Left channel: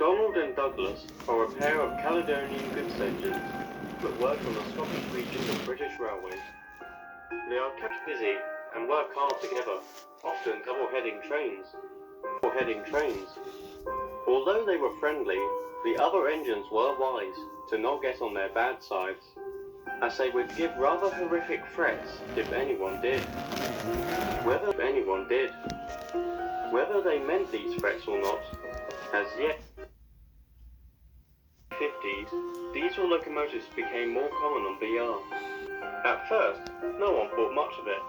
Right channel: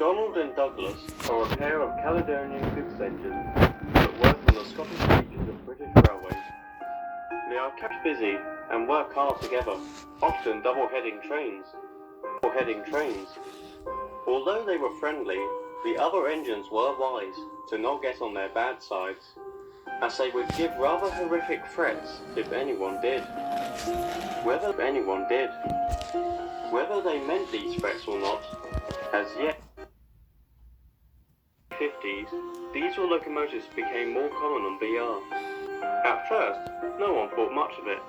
Donald and Douglas are a pair of Caledonian goods engines that work in the Scottish region of British railways. They are kept busy and work hard together, often double-heading trains. Although they were friendly, the other engines were wise to not get on their bad sides, as they would give rather horrific threats if anyone did. Whether they meant these threats or not, as yet. In the 50s, diesel locomotives became more common on BR. At first, no one thought much of it.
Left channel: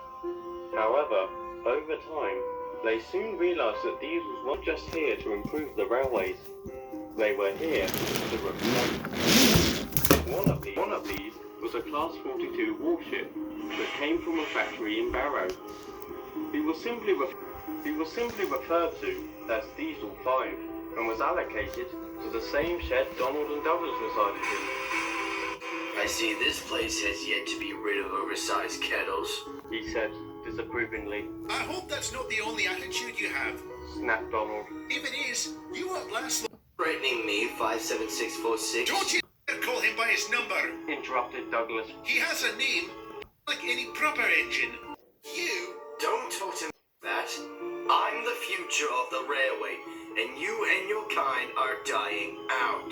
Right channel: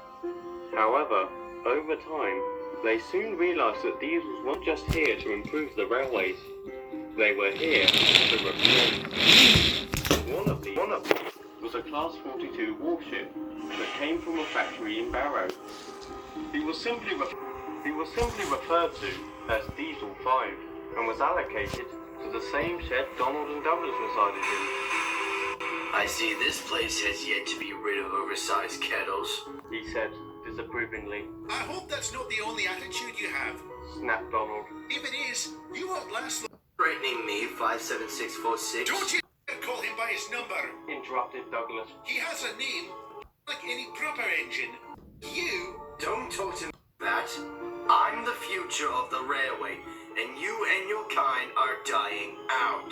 However, over time, they soon realised that diesels weren't just here to improve the railways. They were here to replace. One of these was a Class 42 warship that came from a factory in Barrow. He was simply referred to as Diesel 5 and was allocated to the same shed Donald and Douglas resided in. I see this place has yet to be rid of oversized kettles, he said disapprovingly. I hope that's not the only attitude you have, snapped Donald. If it is, you won't last long. Threatening me, 57646. Don't you call him by his number, interrupted Douglas. He has a name, like any proper engine. You... Don't talk to me like that. I'm the future of the railway, and you and your kind are dying out.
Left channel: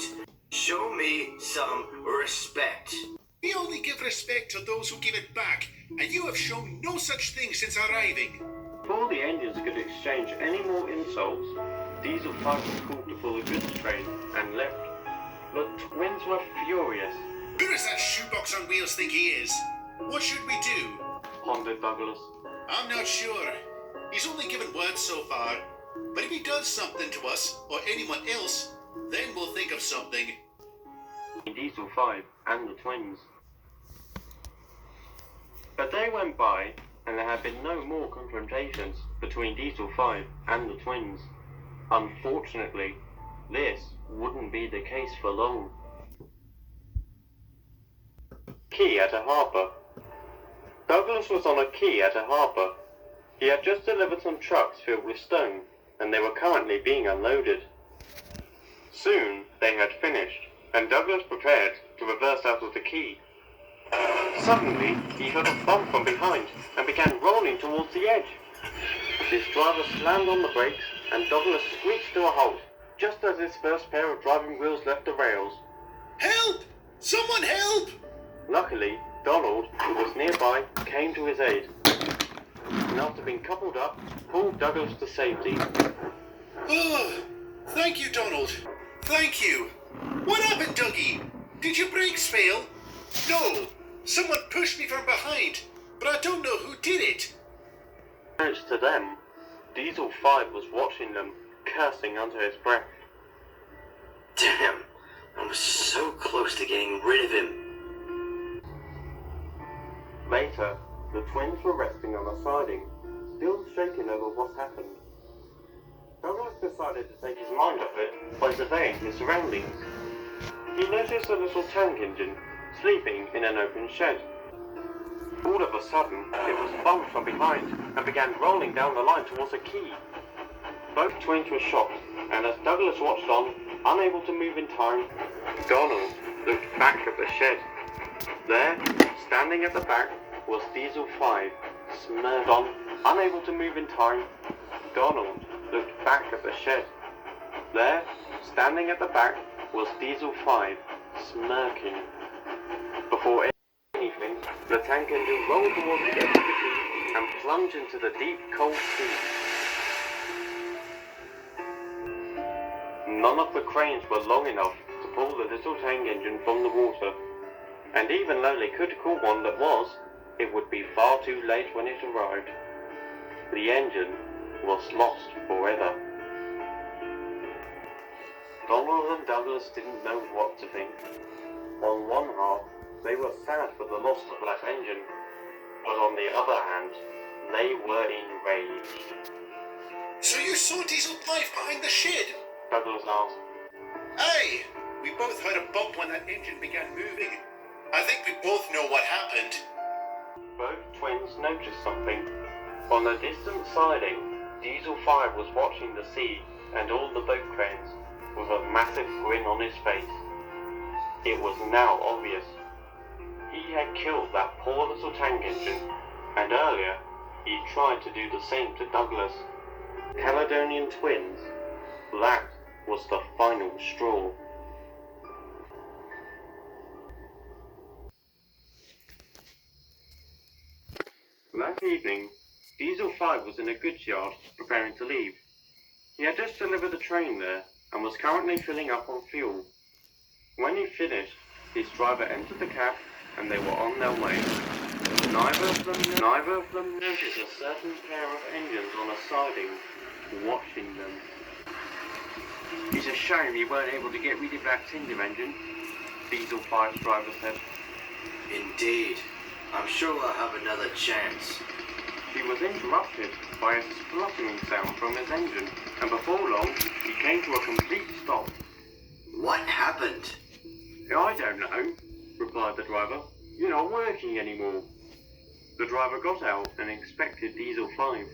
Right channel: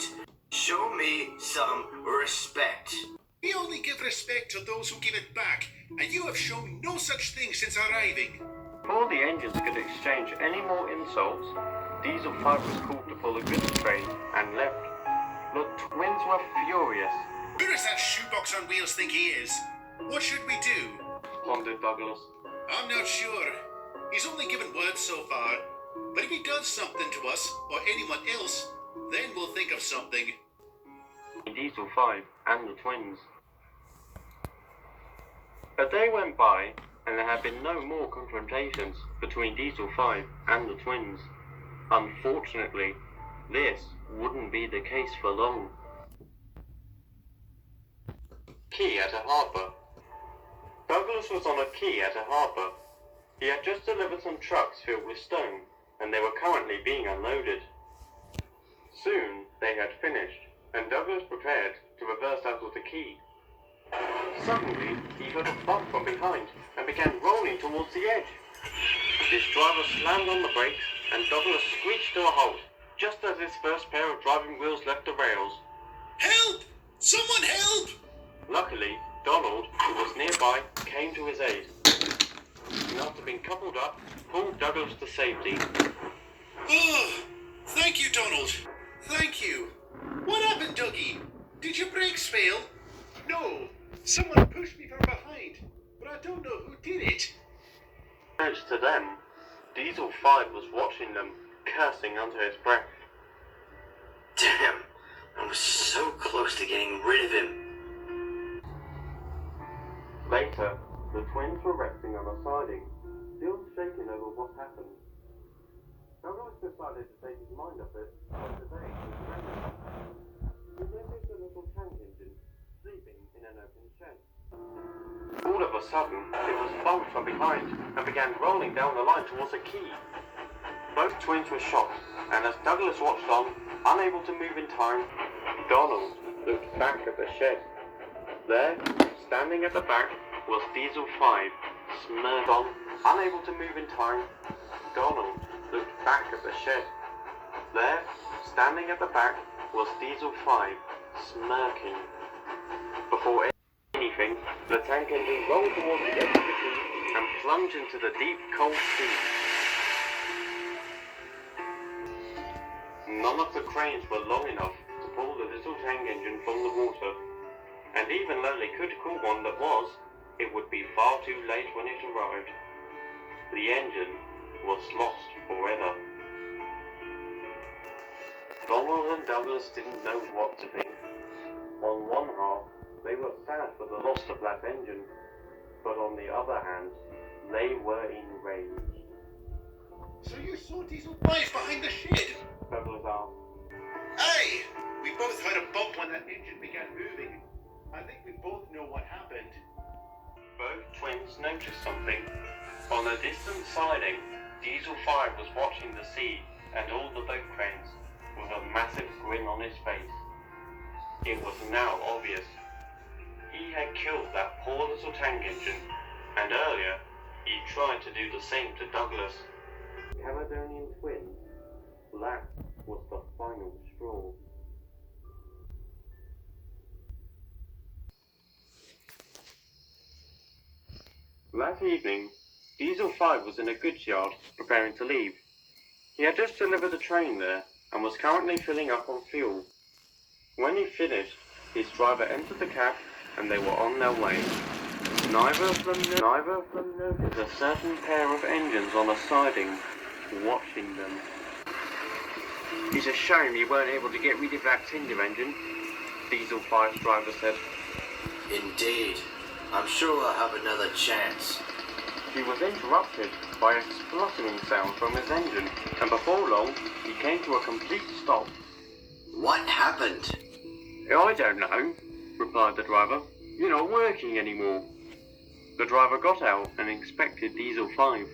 Show me some respect. We only give respect to those who give it back, and you have shown no such thing since arriving. Before the engines could exchange any more insults, Diesel 5 was called to pull the goods train and left. The twins were furious. Who does that shoebox on wheels think he is? What should we do? Pondered Douglas. I'm not sure. He's only given words so far. But if he does something to us, or anyone else, then we'll think of something. Diesel 5 and the twins. A day went by, and there had been no more confrontations between Diesel 5 and the twins. Unfortunately, this wouldn't be the case for long. Quay at a harbour. Douglas was on a quay at a harbour. He had just delivered some trucks filled with stone, and they were currently being unloaded. Soon they had finished, and Douglas prepared to reverse out of the quay. Suddenly, he felt a bump from behind and began rolling towards the edge. His driver slammed on the brakes, and Douglas screeched to a halt, just as his first pair of driving wheels left the rails. Help! Someone help! Luckily, Donald, who was nearby, came to his aid, and after being coupled up, pulled Douglas to safety. Oh, thank you, Donald. Thank you. What happened, Dougie? Did your brakes fail? No, someone pushed me from behind, but I don't know who did it. Thanks to them, Diesel 5 was watching them, cursing under his breath. Damn, I was so close to getting rid of him. Later, the twins were resting on a siding, still shaken over what happened. Douglas decided to take his mind off it by surveying his surroundings. He noticed a little tank engine sleeping in an open shed. All of a sudden, it was bumped from behind and began rolling down the line towards a quay. Both twins were shocked, and as Douglas watched on, unable to move in time, Donald looked back at the shed. There, standing at the back, was Diesel 5, smirked on, unable to move in time. Donald looked back at the shed. There, standing at the back, was Diesel 5, smirking. Before anything, the tank engine rolled towards the edge of the quay and plunged into the deep, cold sea. None of the cranes were long enough to pull the little tank engine from the water, and even though they could call one that was, it would be far too late when it arrived. The engine was lost forever. Donald and Douglas didn't know what to think. On one half, they were sad for the loss of that engine, but on the other hand, they were enraged. So you saw Diesel 5 behind the shed? Douglas asked. Aye, we both heard a bump when that engine began moving. I think we both know what happened. Both twins noticed something. On a distant siding, Diesel 5 was watching the sea and all the boat cranes, with a massive grin on his face. It was now obvious. He had killed that poor little tank engine, and earlier he tried to do the same to Douglas. Caledonian twins. That was the final straw. That evening, Diesel 5 was in a goods yard preparing to leave. He had just delivered a train there and was currently filling up on fuel. When he finished, his driver entered the cab and they were on their way. Neither of them noticed a certain pair of engines on a siding watching them. It's a shame you weren't able to get rid of that Tinder engine, Diesel 5's driver said. Indeed. I'm sure I'll have another chance. He was interrupted by a spluttering sound from his engine, and before long, he came to a complete stop. What happened? I don't know, replied the driver. You're not working anymore. The driver got out and inspected Diesel 5,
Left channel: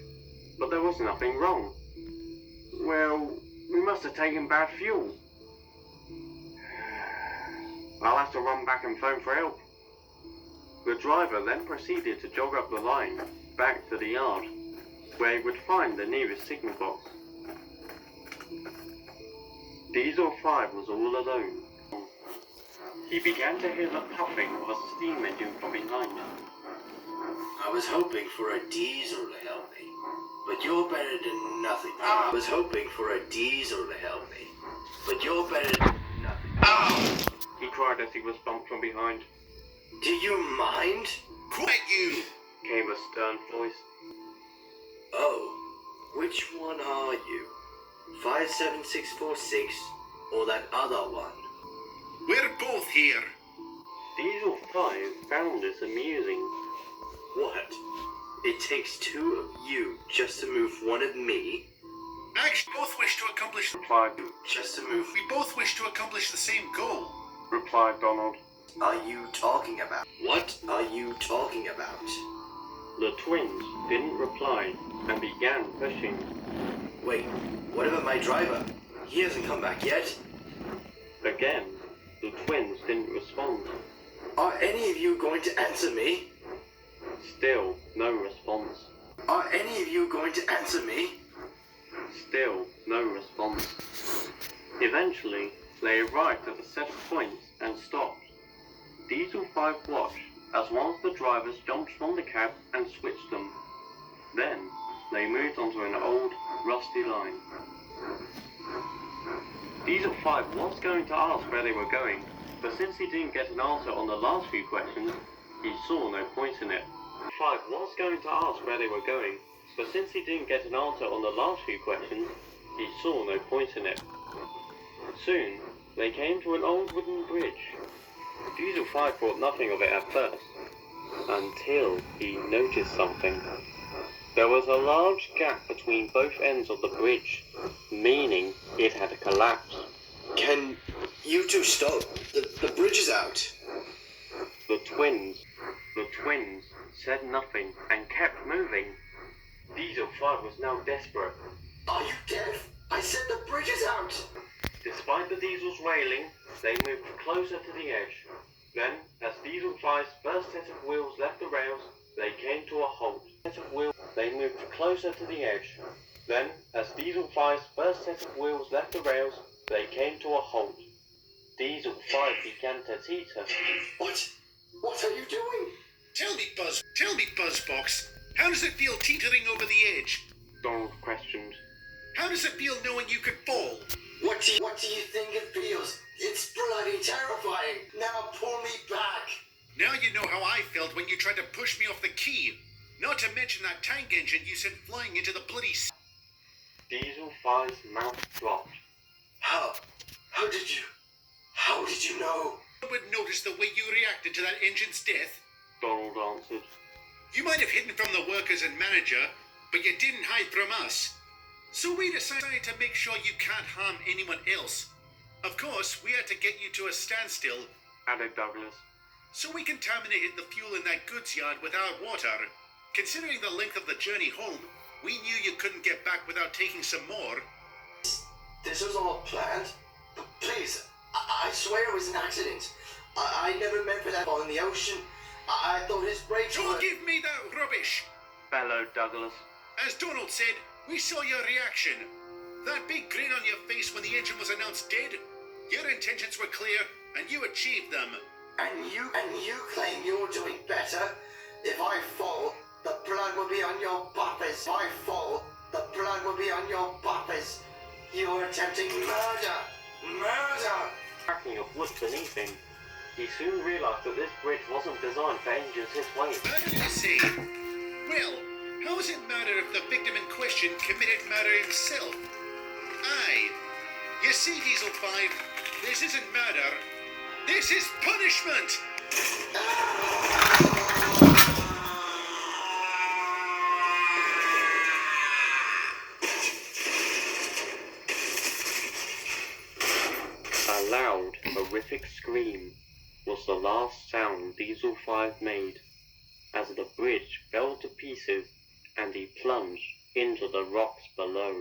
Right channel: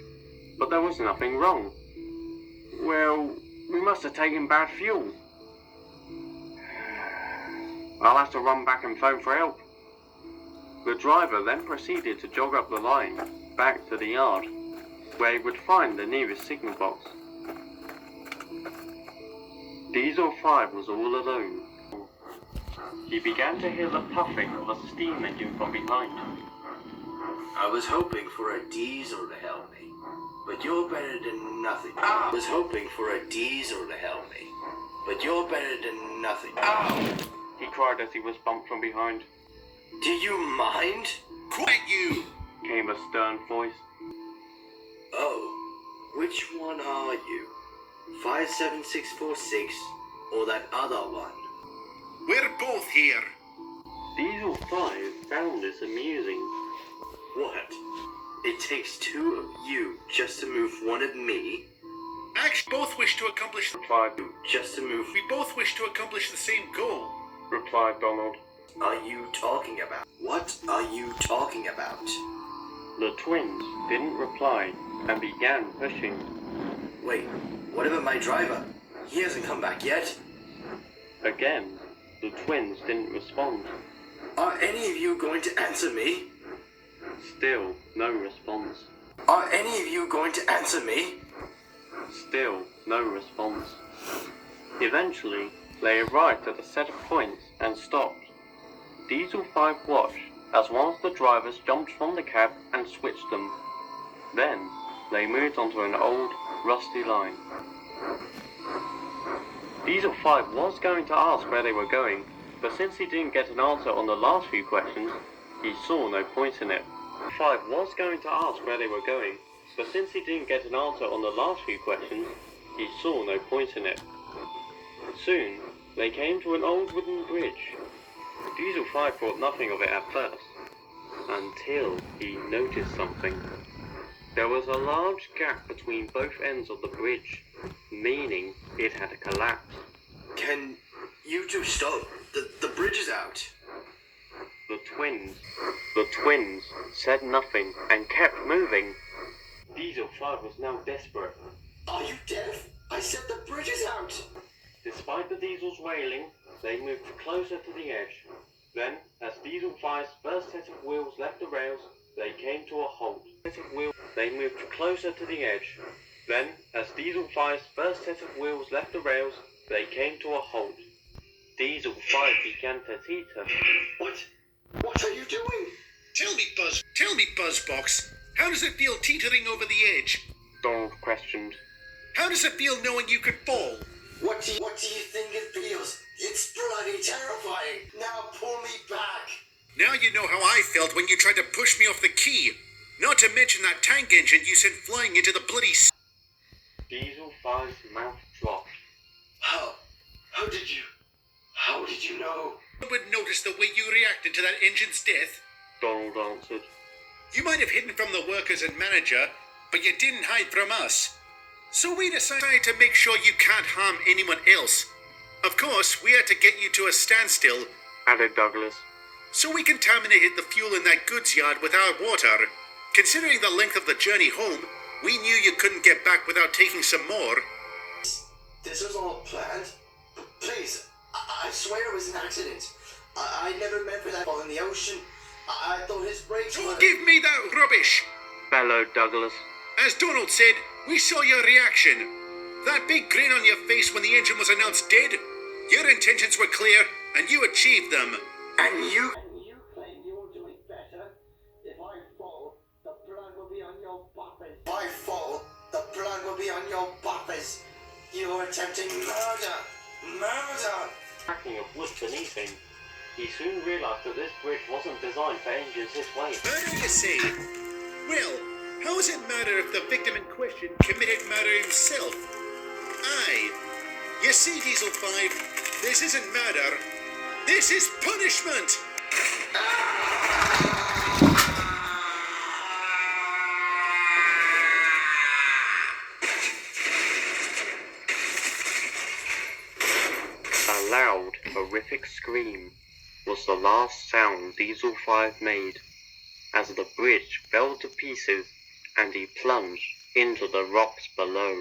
but there was nothing wrong. Well, we must have taken bad fuel. I'll have to run back and phone for help. The driver then proceeded to jog up the line, back to the yard, where he would find the nearest signal box. Diesel 5 was all alone. He began to hear the puffing of a steam engine from behind. I was hoping for a diesel to help me, but you're better than nothing. I was hoping for a diesel to help me, but you're better than nothing. He cried as he was bumped from behind. Do you mind? Quiet you! Came a stern voice. Oh, which one are you? 57646 or that other one? We're both here. Diesel 5 found this amusing. What? It takes two of you just to move one of me? Actually, both wish to accomplish. Just to move. We both wish to accomplish the same goal. Replied Donald. Are you talking about? What are you talking about? The twins didn't reply and began pushing. Wait, what about my driver? He hasn't come back yet. Again, the twins didn't respond. Are any of you going to answer me? Still no response. Are any of you going to answer me? Still no response. Eventually, they arrived at a set of points and stopped. Diesel 5 watched as one of the drivers jumped from the cab and switched them. Then, they moved onto an old, rusty line. Diesel 5 was going to ask where they were going, but since he didn't get an answer on the last few questions, he saw no point in it. 5 was going to ask where they were going, but since he didn't get an answer on the last few questions, he saw no point in it. Soon, they came to an old wooden bridge. Diesel 5 thought nothing of it at first, until he noticed something. There was a large gap between both ends of the bridge, meaning it had collapsed. Can you two stop? The bridge is out. The twins said nothing and kept moving. Diesel 5 was now desperate. Are you deaf? I said the bridge is out. Despite the Diesel's wailing, they moved closer to the edge. Then, as Diesel 5's first set of wheels left the rails, they came to a halt. They moved closer to the edge. Then, as Diesel 5's first set of wheels left the rails, they came to a halt. Diesel 5 began to teeter. What are you doing? Tell me, Buzzbox, how does it feel teetering over the edge? Donald questioned. How does it feel knowing you could fall? What do you think it feels? It's bloody terrifying. Now pull me back. Now you know how I felt when you tried to push me off the key. Not to mention that tank engine you sent flying into the bloody Diesel 5's mouth dropped. How did you know? I would notice the way you reacted to that engine's death. Donald answered. You might have hidden from the workers and manager, but you didn't hide from us. So we decided to make sure you can't harm anyone else. Of course, we had to get you to a standstill, added Douglas. So we contaminated the fuel in that goods yard with our water. Considering the length of the journey home, we knew you couldn't get back without taking some more. This was all planned? Please, I swear it was an accident. I never meant for that fall in the ocean. I thought his brakes Don't were... give me that rubbish! bellowed Douglas. As Donald said, we saw your reaction. That big grin on your face when the engine was announced dead. Your intentions were clear, and you achieved them. And you claim you're doing better? If I fall, the blood will be on your buffers. If I fall, the blood will be on your buffers. You're attempting murder! Murder! Cracking of wood beneath him. He soon realised that this bridge wasn't designed for engines his way. Murder, you say? Well, how does it matter if the victim in question committed murder himself? Aye. You see, Diesel 5, this isn't murder. This is punishment! A loud, horrific scream was the last sound Diesel 5 made as the bridge fell to pieces and he plunged into the rocks below.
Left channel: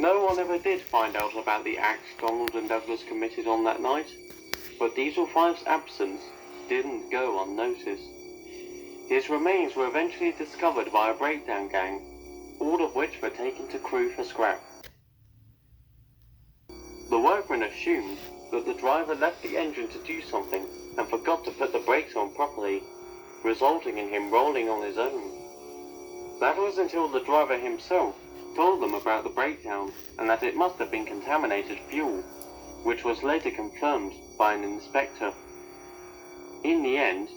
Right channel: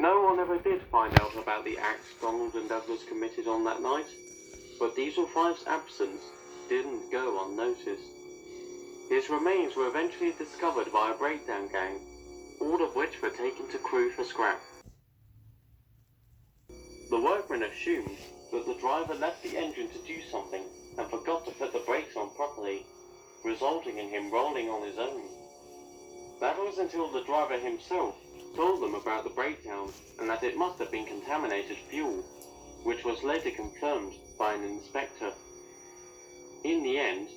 No one ever did find out about the acts Donald and Douglas committed on that night, but Diesel 5's absence didn't go unnoticed. His remains were eventually discovered by a breakdown gang, all of which were taken to crew for scrap. The workmen assumed that the driver left the engine to do something and forgot to put the brakes on properly, resulting in him rolling on his own. That was until the driver himself told them about the breakdown and that it must have been contaminated fuel, which was later confirmed by an inspector. In the end,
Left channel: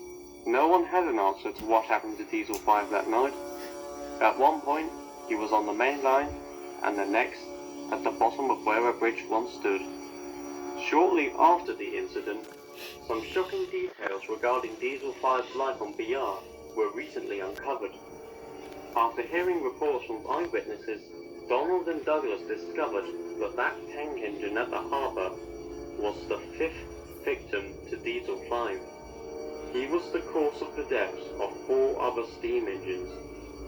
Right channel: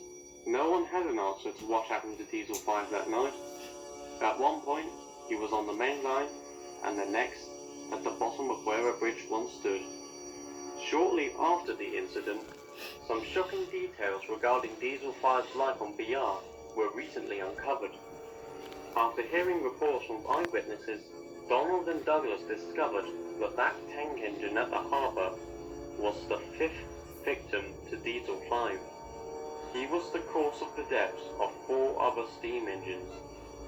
no one had an answer to what happened to Diesel 5 that night. At one point, he was on the main line, and the next, at the bottom of where a bridge once stood. Shortly after the incident, some shocking details regarding Diesel 5's life on BR were recently uncovered. After hearing reports from eyewitnesses, Donald and Douglas discovered that tank engine at the harbour was the 5th victim to Diesel 5. He was the cause of the deaths of 4 other steam engines,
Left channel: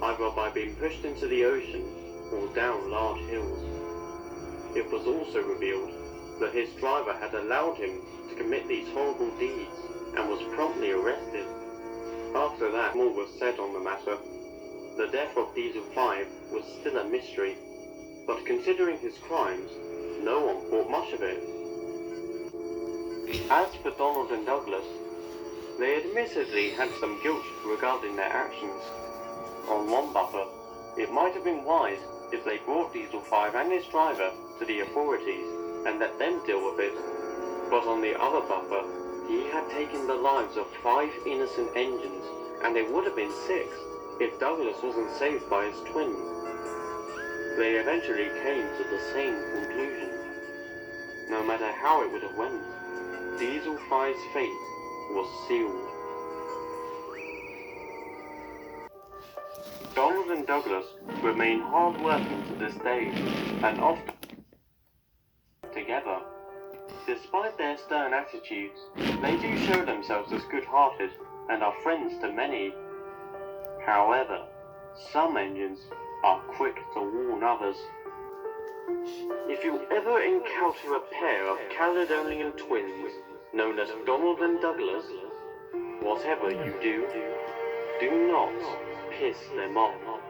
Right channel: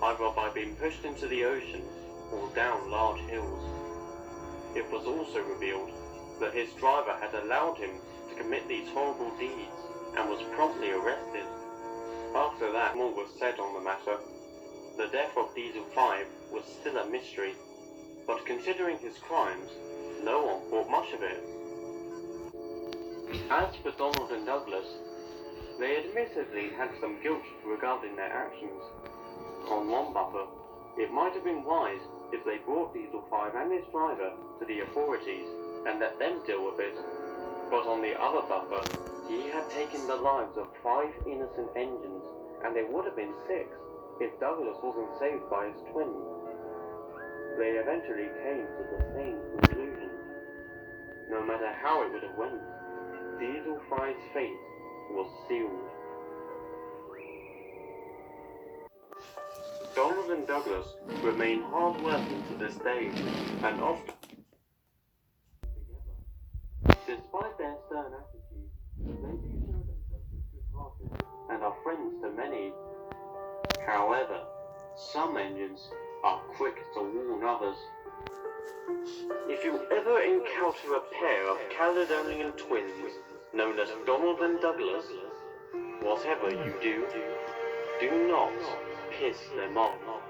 either by being pushed into the ocean or down large hills. It was also revealed that his driver had allowed him to commit these horrible deeds and was promptly arrested. After that, more was said on the matter. The death of Diesel 5 was still a mystery, but considering his crimes, no one thought much of it. As for Donald and Douglas, they admittedly had some guilt regarding their actions. On one buffer, it might have been wise if they brought Diesel 5 and his driver to the authorities and let them deal with it, but on the other buffer, he had taken the lives of 5 innocent engines, and it would have been 6 if Douglas wasn't saved by his twin. They eventually came to the same conclusion. No matter how it would have went, Diesel 5's fate was sealed. Donald and Douglas remain hard-working to this day, and often together. Despite their stern attitudes, they do show themselves as good-hearted and are friends to many. However, some engines are quick to warn others. If you ever encounter a pair of Caledonian twins known as Donald and Douglas, whatever you do, do not piss them off.